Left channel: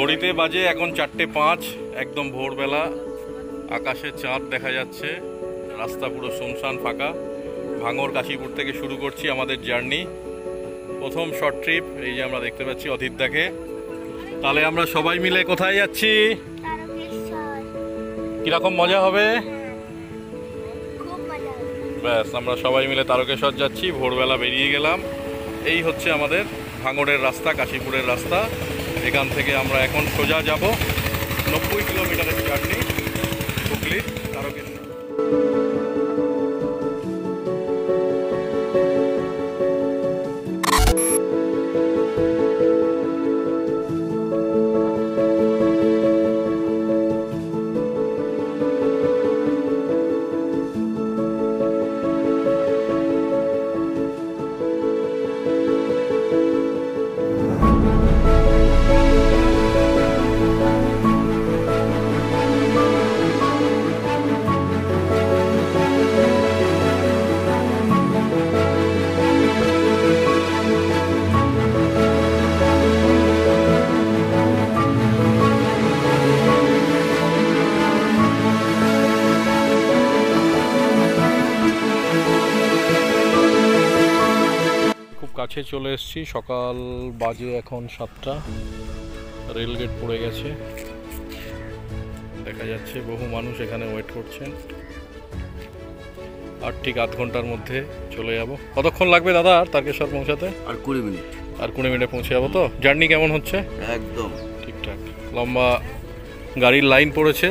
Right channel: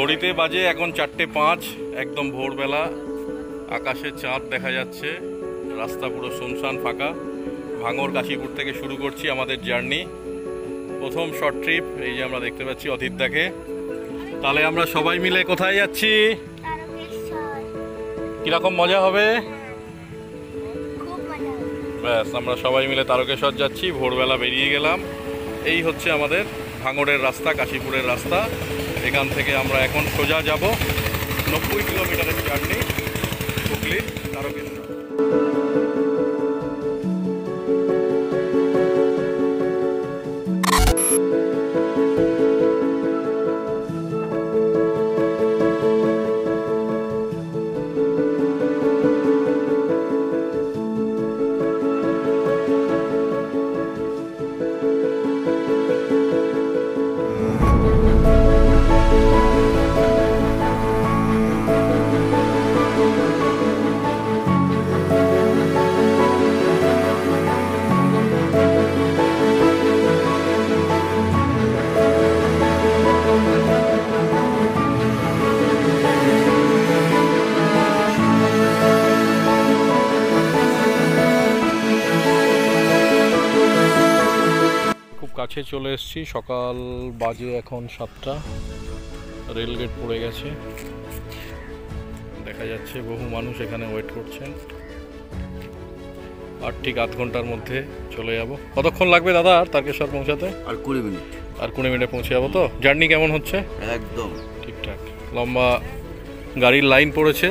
ঘড়িতে বাজে এখন 4:05, একদম ভোরবেলা। আকাশে চাঁদ দেখা যাচ্ছে, রাস্তা পুরো শুনশান ফাঁকা। ভাঙড় কাশীপুর থেকে শুরু করছি আমাদের জার্নি, প্রথম শর্ট ট্রিপ। এই যে আমরা দেখতে পাচ্ছি অদিতদাকে। তাহলে আমরা সবাই মিলে কোথায় যাচ্ছি? কিরকম মজা হবে? ব্যাস, আমরা সবাই মিলে তারকেশ্বর যাচ্ছি। ভোরবেলা বেরিয়ে গেলাম। এই হচ্ছে আমাদের ভাঙড়ের রাস্তা, কাশীপুরের রাস্তা। এখান থেকে আমরা এখন সোজা যাব 90 কিলোমিটারের জার্নি হুগলির তারকেশ্বর। কাছে চলে এসেছি, সকাল বাজে এখন 7টা। রেলগেট পড়ে গেছে, দেখা যাচ্ছে বহু মানুষ এখানে ওয়েট করছেন। আর ঠিক আধ ঘন্টার মধ্যে চলে যাব। কতক্ষণ লাগবে দাদা আর তারকেশ্বর পৌঁছাতে? আর 20 মিনিট। আর 20 মিনিটে পৌঁছে যাবো তো? জার্নি কেমন হচ্ছে? একদম ঠিকঠাক। লম্বা গাড়ির লাইন পড়েছে,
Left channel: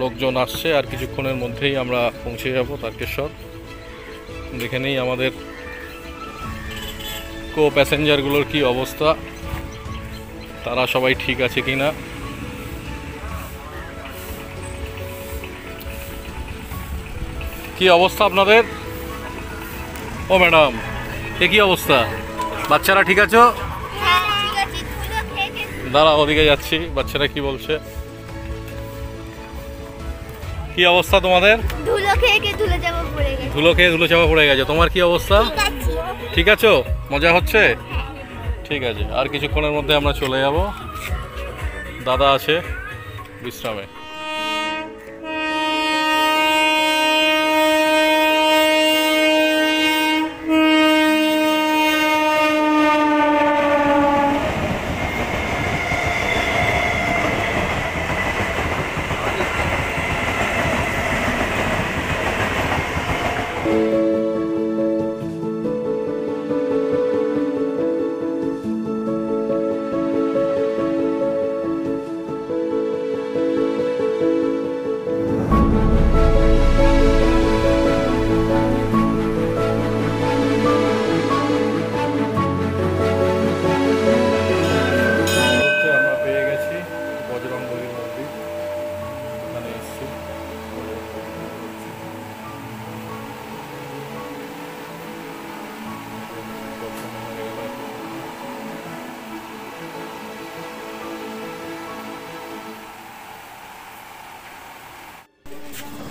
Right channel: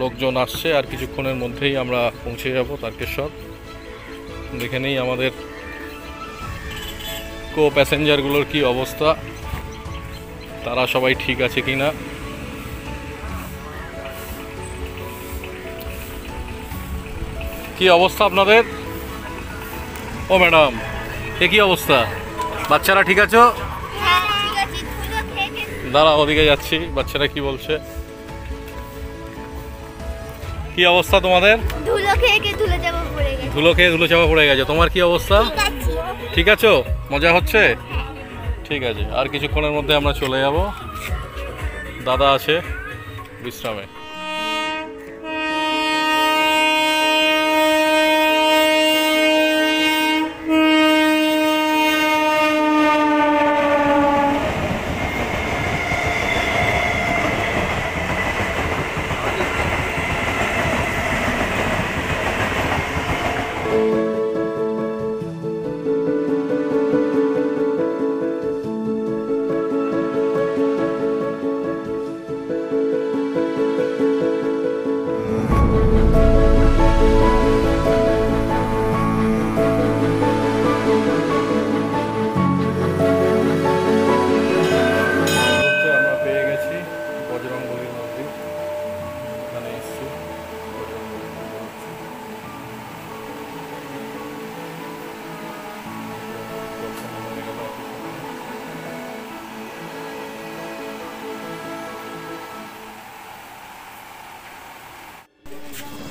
লোকজন আসছে। আর কিছুক্ষণের মধ্যেই আমরা পৌঁছে যাব তারকেশ্বর। দেখে নেই আমাদের কো প্যাসেঞ্জারগুলোর কি অবস্থা, তারা সবাই ঠিক আছে কিনা। কি অবস্থা আপনাদের? ও ম্যাডাম, এ কি অবস্থা? বাচ্চারা ঠিক আছো? দাঁড়া, ওদিকে যাচ্ছি। বাচ্চারা কি বলছে? কি অবস্থা তোমাদের? ধুলো খেয়ে ধুলো চাপা পড়ে গেছে। তোমার কি অবস্থা? ঠিক আছো? মজা হচ্ছে? ঠিক আছে, আর কিছুক্ষণের মধ্যে আমরা চলে যাব। দাদা আছে বিশ্রামে।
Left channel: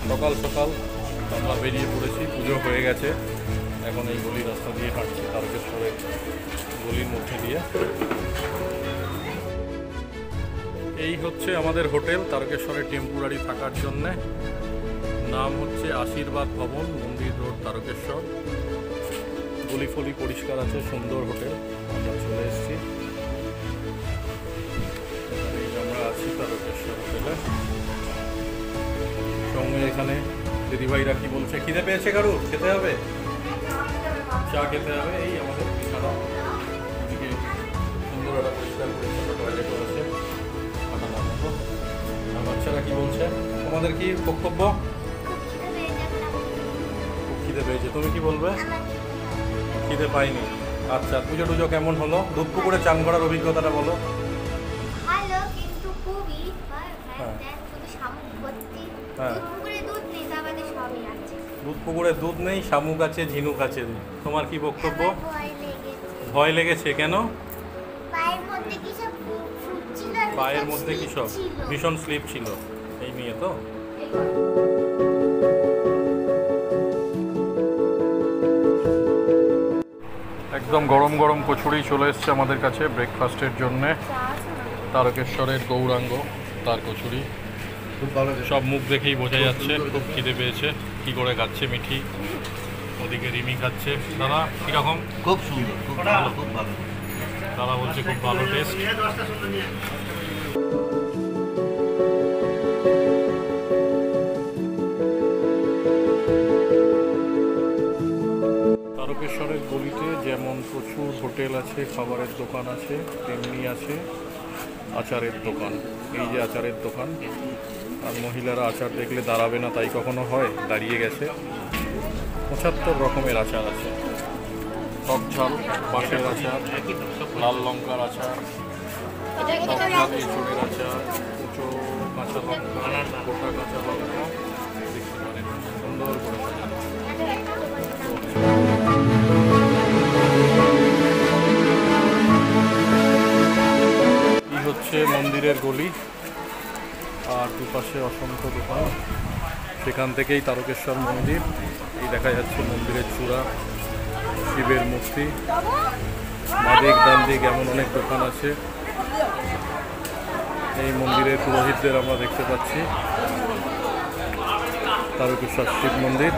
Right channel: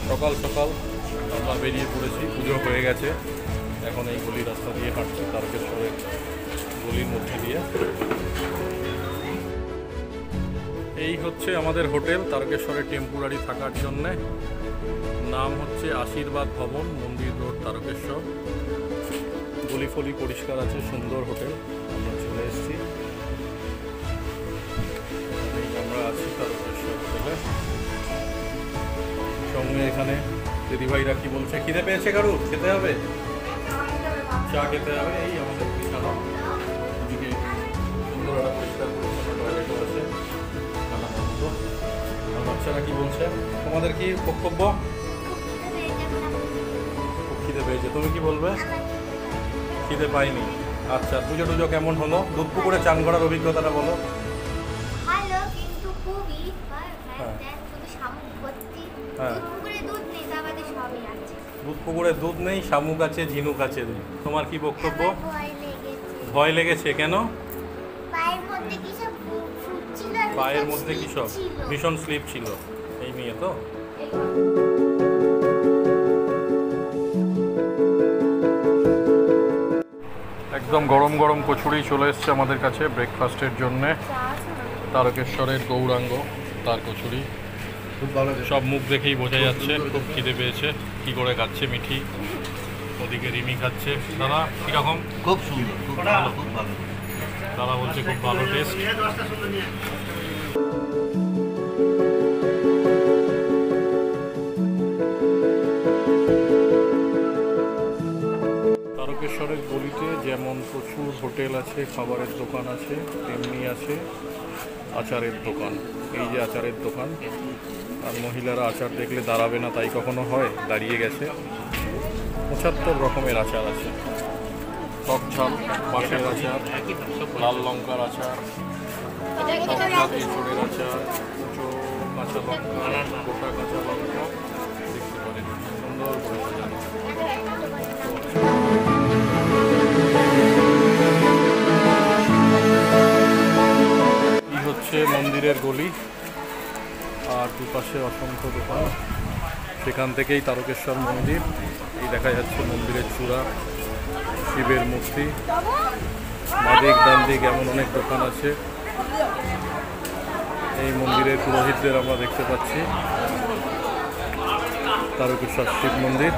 সকাল সকাল আমরা বেরিয়ে পড়েছি, পুজো হয়ে গেছে। এখন এই গলির রাস্তা দিয়ে হাঁটছি, তারকেশ্বরের গলির মধ্যে দিয়ে। এই হচ্ছে আমাদের হোটেল, তারকেশ্বরে টেম্পোরারি থাকার জন্যে। নাম হচ্ছে আশীর্বাদ ভবন, মন্দির রোড, তারকেশ্বর। গলি ফলি পরিষ্কার আছে, সুন্দর হোটেল। আমরা চলে এসেছি, এখানেই আমরা আছি তারকেশ্বর হোটেলে। সঙ্গে এখানে দিদিভাইরা কি বলছে? খিদে পেয়েছে কারুর? খেতে হবে, চা খেতে হবে। এই আমাদের বিছানা, এদিকে সুন্দর একটা পরিষ্কার পরিচ্ছন্ন টয়লেটও আছে খাটানোর মতো। আর বাচ্চারা কি বলছে? তোমাদের কি বক্তব্য? খুব খিদে পেয়েছে। তুমি কি বলবে? খিদে পাইনি। আচ্ছা, পুজো টুজো কেমন হলো? দুধ পুকুরে চান করার অভিজ্ঞতাটা বলো। ভালো, কিন্তু খুবই হ্যাঁ দুধ পুকুরে দুধ নেই, শামুক আছে, ঝিনুক আছে। তোমার কি বক্তব্য? ভয় লেগেছে কেন? পায়ের মধ্যে কি সব ভীষণ স্লিপ ছিল, এই নিয়ে তো। একদম গরম গরম কচুরি চলে এসছে আমাদের কাছে ব্রেকফাস্টের জন্যে। তারকেশ্বরের গৌরাঙ্গ তার কচুরি খুব ভালো সব মুখ দেখেই বোঝা যাচ্ছে খুব খিদে পেয়েছে। কি করে খাচ্ছে মিঠি, ওদিকে রিমি খাচ্ছে। দাদা কীরকম? খুব সুন্দর, খুব ভালো, খুব ভালো। দাদা বলছে খুব ভালো টেস্ট। তারকেশ্বরের গলিতে যেমন প্রচুর হোটেল আছে, খাবারের দোকান আছে, তেমনি আছে আচারের দোকান। এই যে আচারের দোকান, আর মহিলারা আচার দেখলে দাঁড়াবে না তাই কখনো হয়, দাঁড়িয়ে গেছে। 75 রকমের আচার আছে, টক ঝাল, বাঁশের আচার, লাল লঙ্কার আচার, টক ঝাল এঁচড়ের আচার, কুচো কাঁচা লঙ্কা, গোটা কাঁচা লঙ্কা, দেখতে পারেন সুন্দর করে সাজানো। এই হচ্ছে মন্দিরের গলি, আর দুপাশে অসংখ্য দোকান। সেখান থেকেই তারকেশ্বর মন্দির। এই দেখা যাচ্ছে মন্দিরের চূড়া, শিবের মূর্তি, বাদিক ডান দিক এমন অনেক দোকান আছে। এই মন্দিরের পুরোহিতদের আমরা দেখতে পাচ্ছি। তারকেশ্বর শিব মন্দির।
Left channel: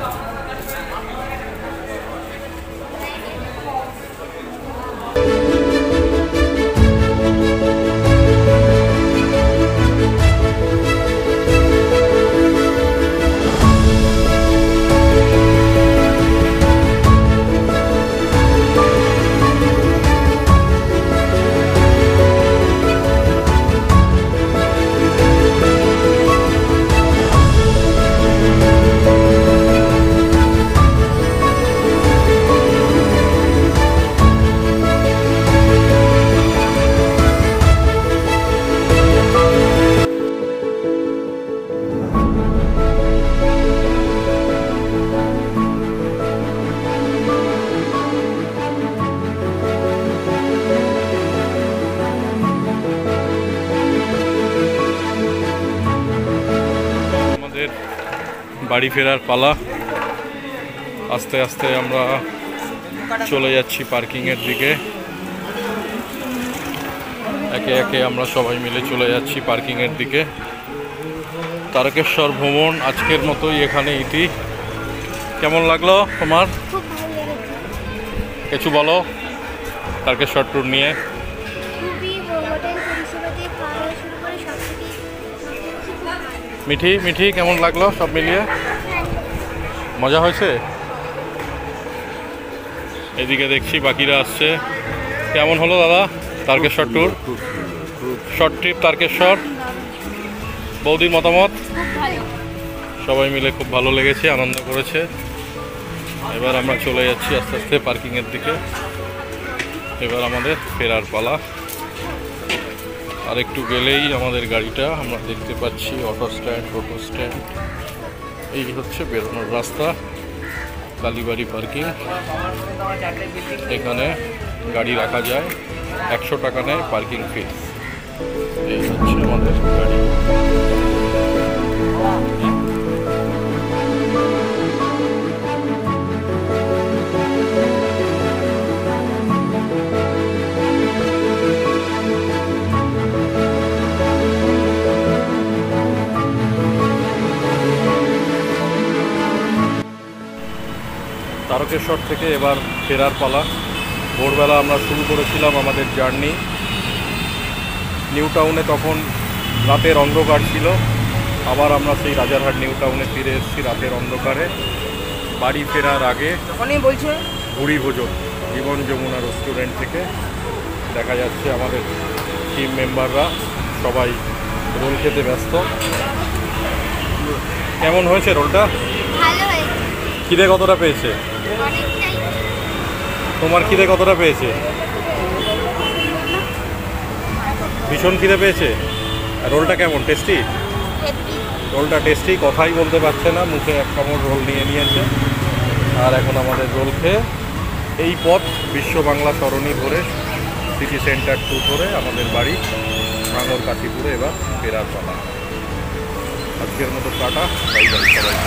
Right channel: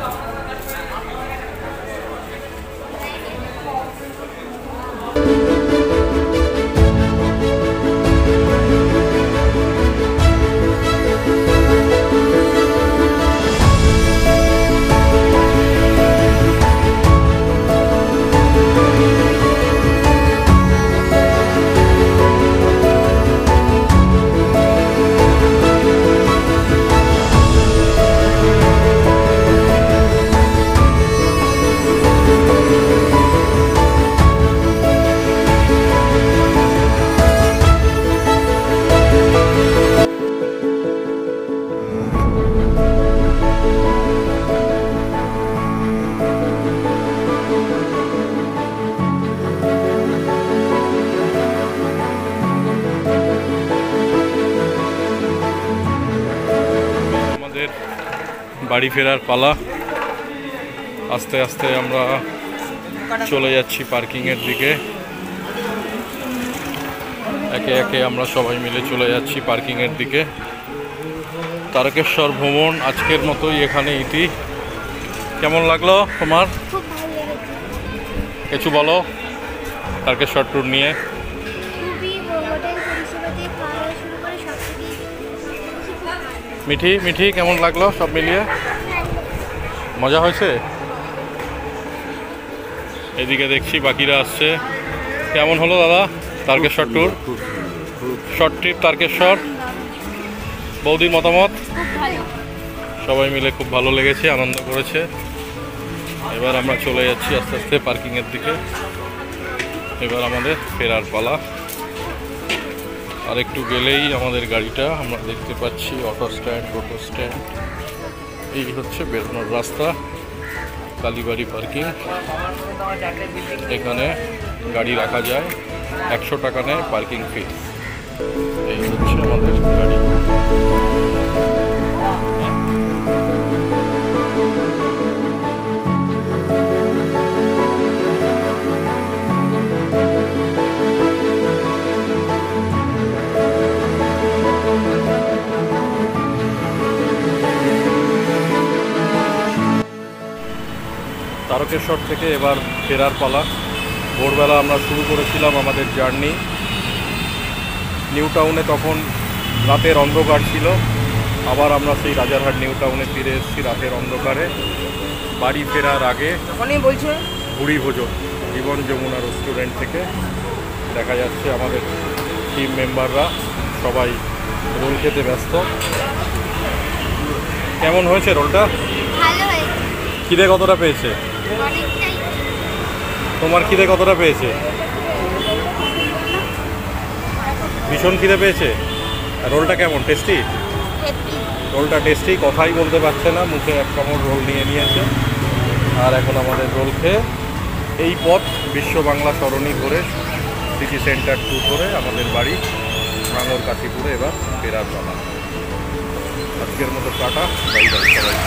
বাড়ি ফেরার পালা। আস্তে আস্তে আমরা চলে যাচ্ছি পার্কিংয়ের দিকে। একে একে আমরা সবাই মিলে চলে যাচ্ছি পার্কিংয়ের দিকে। তারকেশ্বর ভ্রমণ আজকের মতোই এখানে ইতি। কেমন লাগলো তোমার? খুব ভালো লেগেছে। কিছু বলো তারকেশ্বর ট্যুর নিয়ে। খুবই হোটেল পরিষেবা দিয়ে খাওয়া শুরু করে সব কিছুই খুব ভালো। মিঠি মিঠি কেমন লাগলো সব মিলিয়ে? মজা হয়েছে? এদিকে দেখছি বাকিরা আসছে। কেমন হলো দাদা Tarakeswar tour? Short trip Tarakeswar. বৌদির মতামত? খুব ভালো। সবাই মিলে খুব ভালো লেগেছে, আনন্দ করেছে। এবার আমরা চলে যাচ্ছি আস্তে আস্তে পার্কিংয়ের দিকে। এবার আমাদের ফেরার পালা। আর একটু গেলেই আমাদের গাড়িটা আমরা দেখতে পাচ্ছি। অটো স্ট্যান্ড, টোটো স্ট্যান্ড। এই হচ্ছে বেরোনোর রাস্তা, কালীবাড়ি পার্কিং। এখানে গাড়ি রাখা যায়, 100 টাকা নেয় পার্কিং ফি। এই হচ্ছে আমাদের গাড়ি। তারকেশ্বর থেকে এবার ফেরার পালা। ভোরবেলা আমরা শুরু করেছিলাম আমাদের জার্নি। নিউ টাউনে তখন রাতের অন্ধকার ছিল। আবার আমরা সেই রাজারহাট নিউ টাউনে ফিরে এসেছি রাতের অন্ধকারে। বাড়ি ফেরার আগে ভুড়ি ভোজন জীবন যমুনা রেস্টুরেন্ট থেকে। দেখা যাচ্ছে আমাদের টিম মেম্বাররা সবাই রোল খেতে ব্যস্ত। কেমন হয়েছে রোলটা? ভালো হয়েছে। খিদে কতটা পেয়েছে? অনেকটাই। তোমার খিদে কতটা পেয়েছে? ভীষণ খিদে পেয়েছে। আর রোলটা কেমন? টেস্টি? হ্যাপি। রোলটা টেস্টি, কথাই বলতে পারছে না, মুখে এক কামড় রোল নিয়ে নিয়েছে। আর এখন আমাদের রোল খেয়ে এই পথ বিশ্ব বাংলা সরণি ধরে সিটি সেন্টার টু ধরে আমাদের বাড়ি ভাঙর কাশীপুরে এবার ফেরার পালা। আজকের মতো টাটা, বাই বাই সবাই।